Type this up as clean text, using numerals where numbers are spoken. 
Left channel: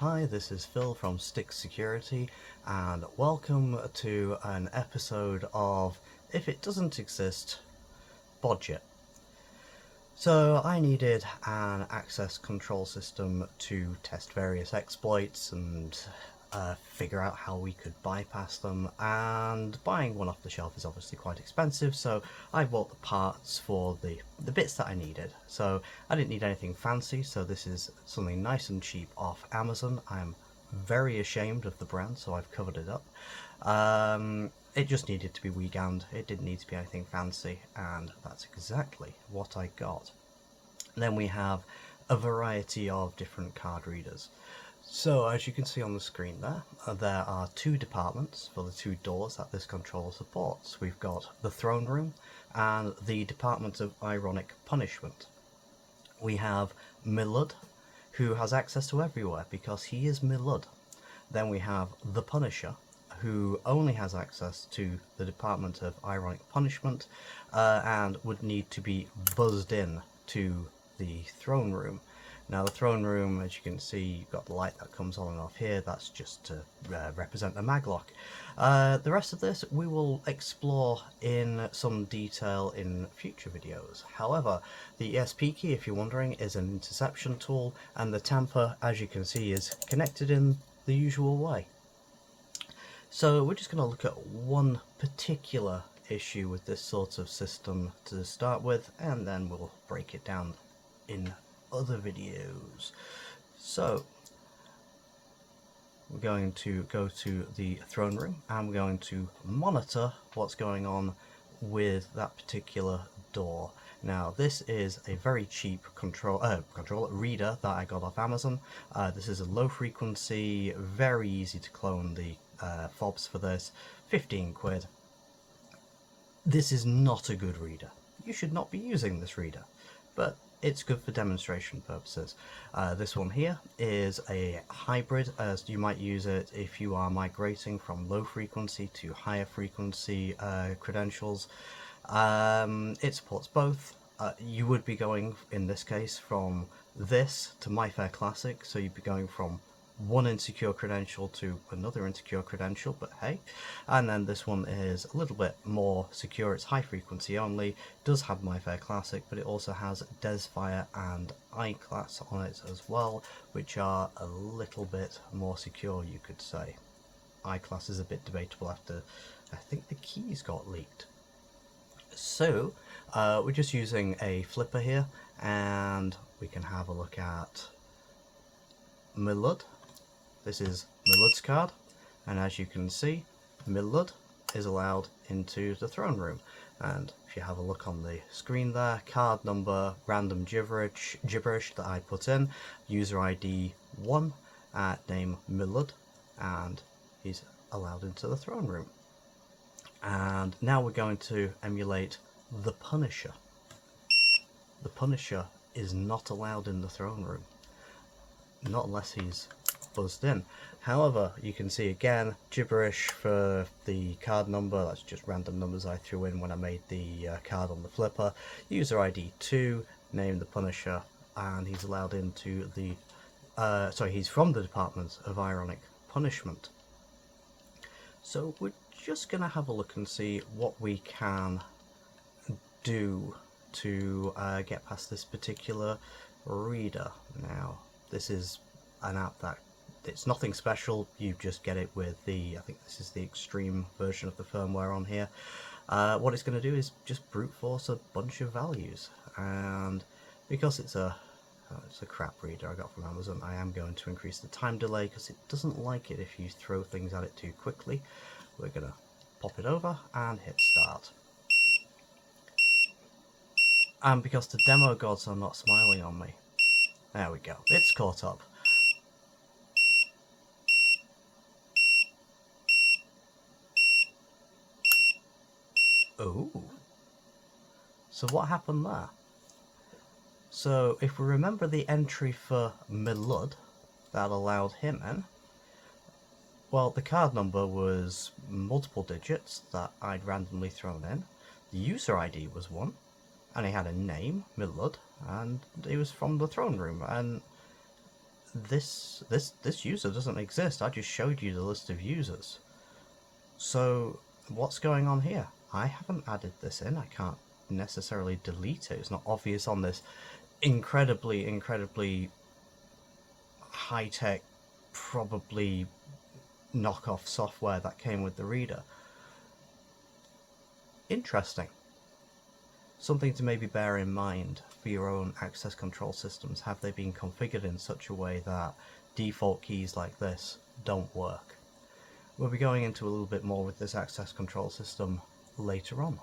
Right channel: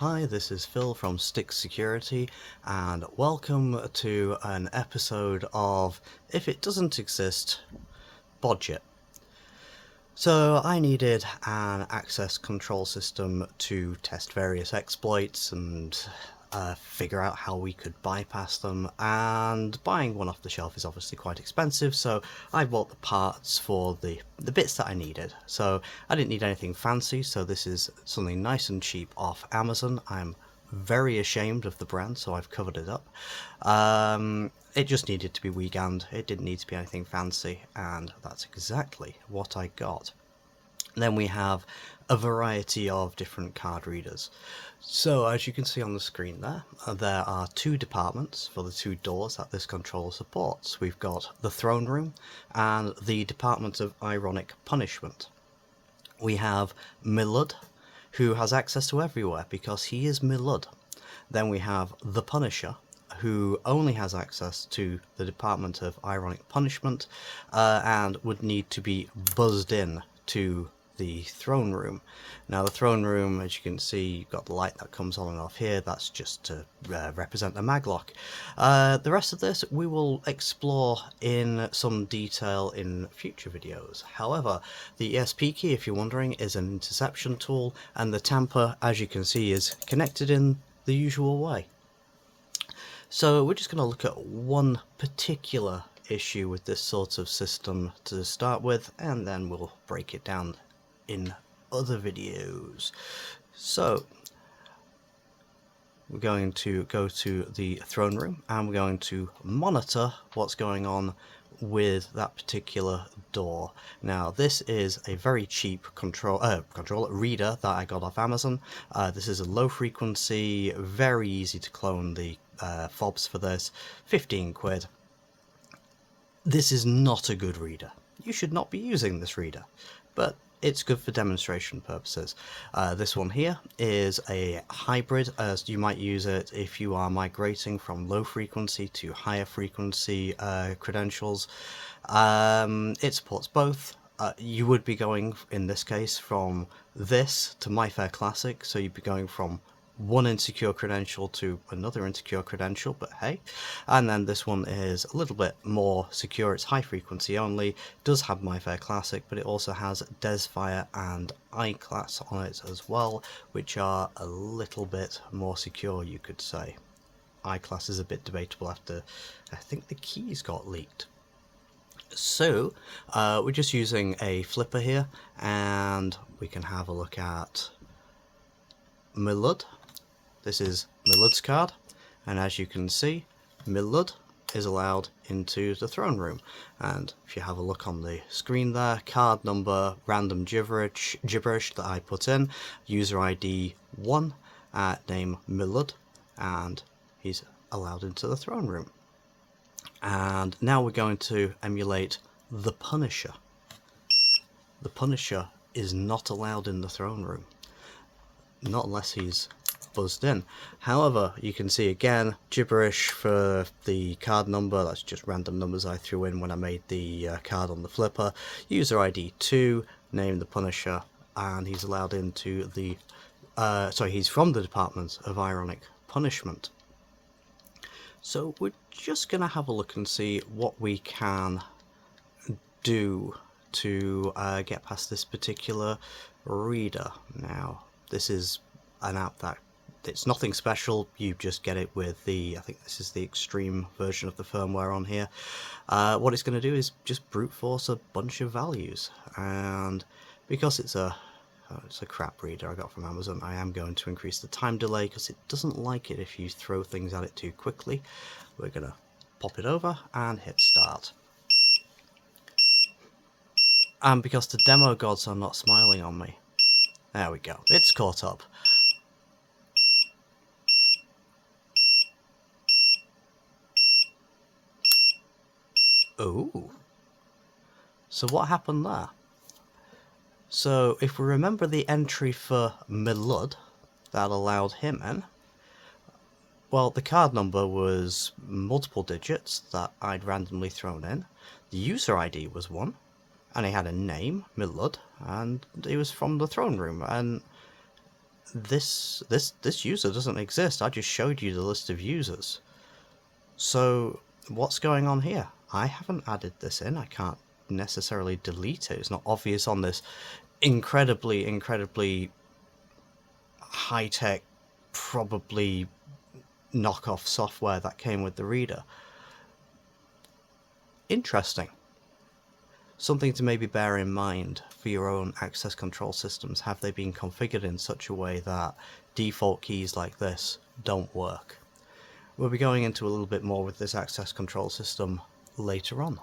Hi, this is Phil from Stick Security, and welcome to an episode of If It Doesn't Exist, Bodge It. So I needed an access control system to test various exploits and figure out how we could bypass them, and buying one off the shelf is obviously quite expensive, so I bought the parts for the bits that I needed. So I didn't need anything fancy, so this is something nice and cheap off Amazon. I'm very ashamed of the brand, so I've covered it up. It just needed to be weekend, it didn't need to be anything fancy, and that's exactly what I got. Then we have a variety of different card readers. So as you can see on the screen there are two departments for the two doors that this controller supports. We've got the throne room and the department of ironic punishment. We have Milud, who has access to everywhere because he is Milud. Then we have the Punisher, who only has access to the department of ironic punishment and would need to be buzzed in to the throne room. Now the throne room, as you can see, you've got the light that comes on and off here. That's just to represent the maglock. The rest of this we will explore in some detail in future videos. However, the ESP key, if you're wondering, is an interception tool, and the tamper, as you can see, is connected in the usual way. So we're just going to look at one particular issue with this sort of system to start with, and then we'll break it down in other videos. So we're going to go to the throne room and we're going to monitor what's going on with that particular door. Now this is a very cheap controller reader that I got off Amazon. This is a low frequency, very easy to clone the fobs for this, 15 quid. This is not a good reader. You should not be using this reader, but it's good for demonstration purposes. This one here is a hybrid, as you might use it if you are migrating from low frequency to higher frequency credentials. It supports both. You would be going, in this case, from this to My Fair Classic, so you'd be going from one insecure credential to another insecure credential, but hey. And then this one is a little bit more secure. It's high frequency only, does have My Fair Classic, but it also has Desfire and I-Class on it as well, which are a little bit more secure, you could say. I-Class is a bit debatable after I think the keys got leaked. So we're just using a flipper here, and we can have a look at Milud. This is Milud's card, and as you can see, Milud is allowed into the throne room. And if you have a look on the screen there, card number, random gibberish that I put in, user ID 1, name Milud, and he's allowed into the throne room. And now we're going to emulate the Punisher. The Punisher is not allowed in the throne room, not unless he's buzzed in. However, you can see again gibberish for the card number. That's just random numbers I threw in when I made the card on the flipper. User ID 2, name the Punisher, and he's allowed into the he's from the department of ironic punishment. So we're just gonna have a look and see what we can do to get past this particular reader. Now this is an app that it's nothing special, you just get it with the, I think this is the extreme version of the firmware on here. What it's going to do is just brute force a bunch of values, and because it's a crap reader I got from Amazon, I am going to increase the time delay because it doesn't like it if you throw things at it too quickly. We're going to pop it over and hit start. And because the demo gods are not smiling on me, there we go, it's caught up. Oh, so what happened there? So if we remember the entry for Milud that allowed him in, well, the card number was multiple digits that I'd randomly thrown in. The user ID was 1, and he had a name, Milud, and he was from the throne room. And this user doesn't exist. I just showed you the list of users. So what's going on here? I haven't added this in. I can't necessarily delete it. It's not obvious on this incredibly high-tech, probably knockoff software that came with the reader. Interesting. Something to maybe bear in mind for your own access control systems. Have they been configured in such a way that default keys like this don't work? We'll be going into a little bit more with this access control system later on.